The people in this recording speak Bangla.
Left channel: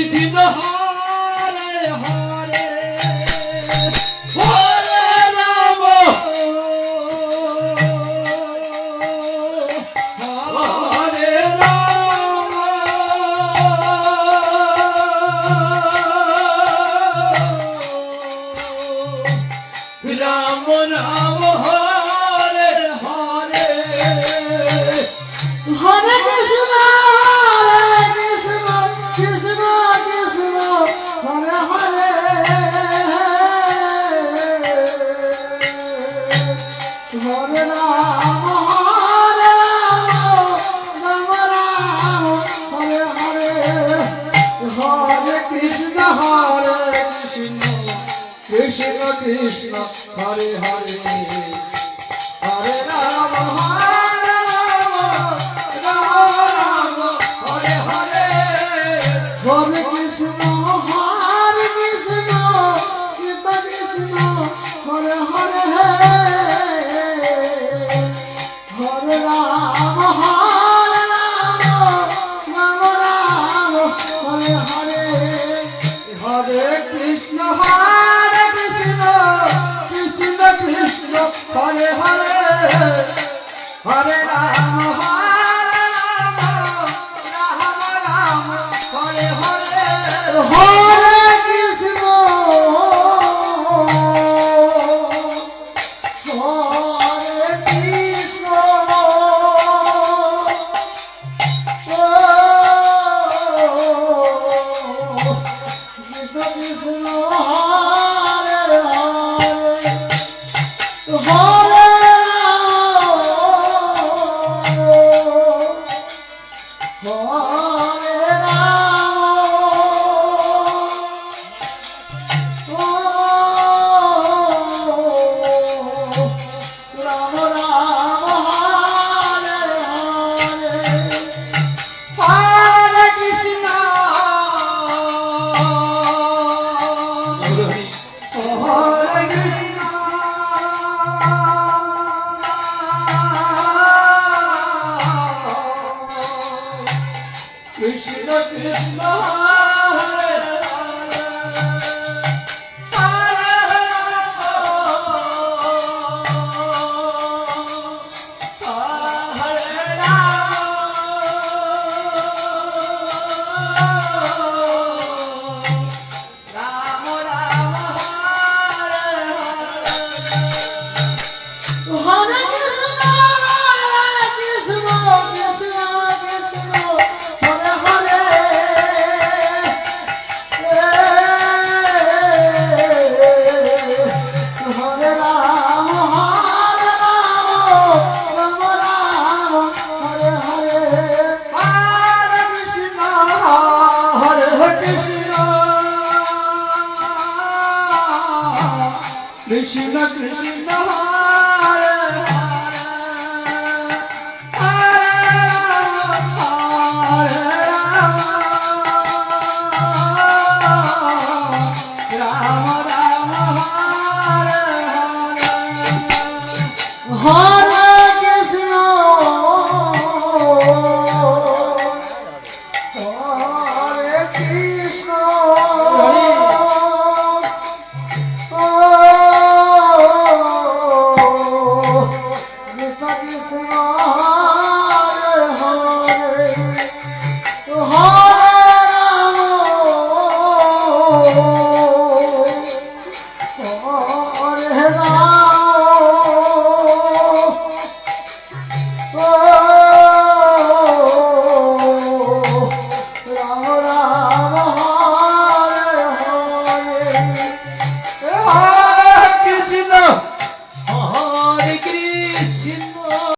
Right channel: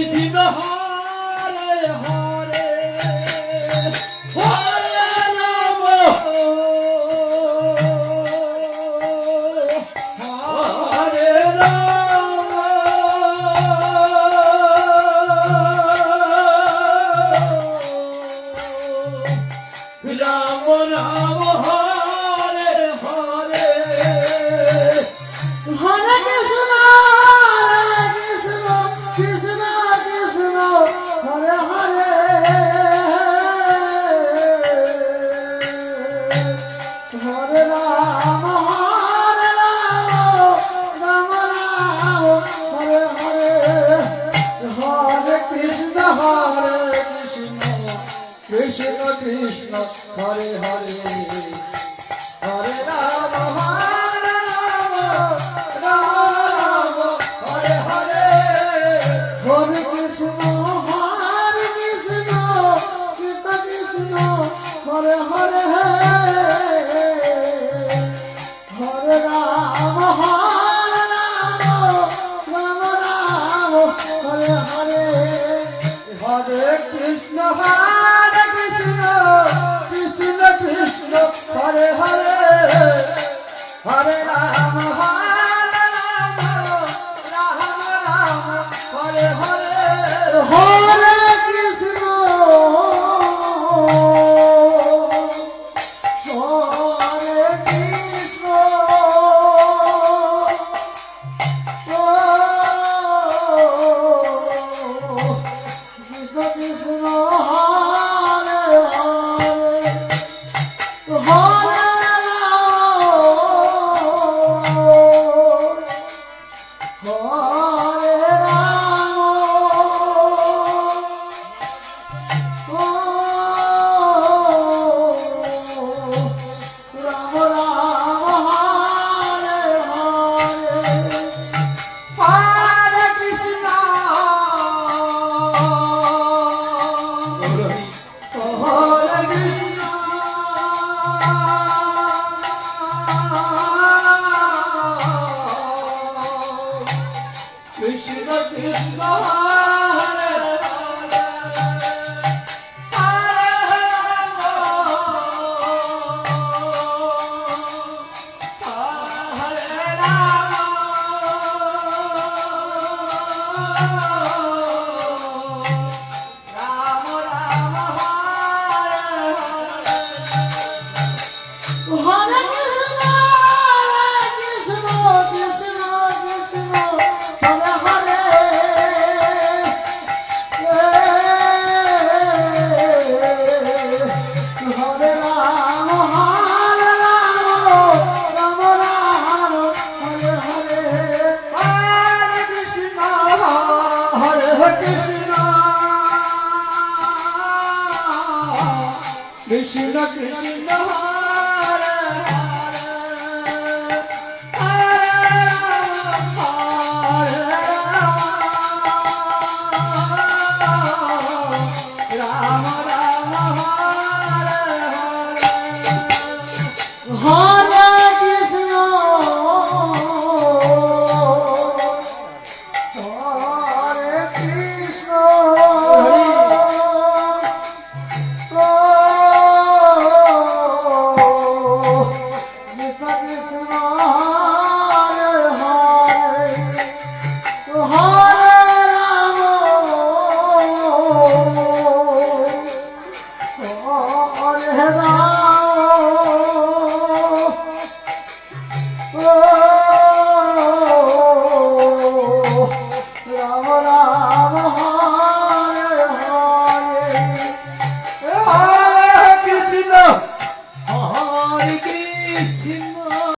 Krishna Hare Hare Hare Ram Hare Ram Ram Ram Hare Hare Hare Krishna Krishna Krishna Hare Hare Hare Ram Ram Ram Hare Hare Hare Krishna Krishna Krishna Hare Hare Hare Ram Hare Krishna Krishna Krishna Hare Hare Hare Ram Ram Ram Hare Hare Hare Krishna Krishna Krishna Hare Hare Hare Ram Hare Hare Hare Krishna Krishna Krishna Hare Hare Krishna Krishna Hare Krishna Krishna Hare Oh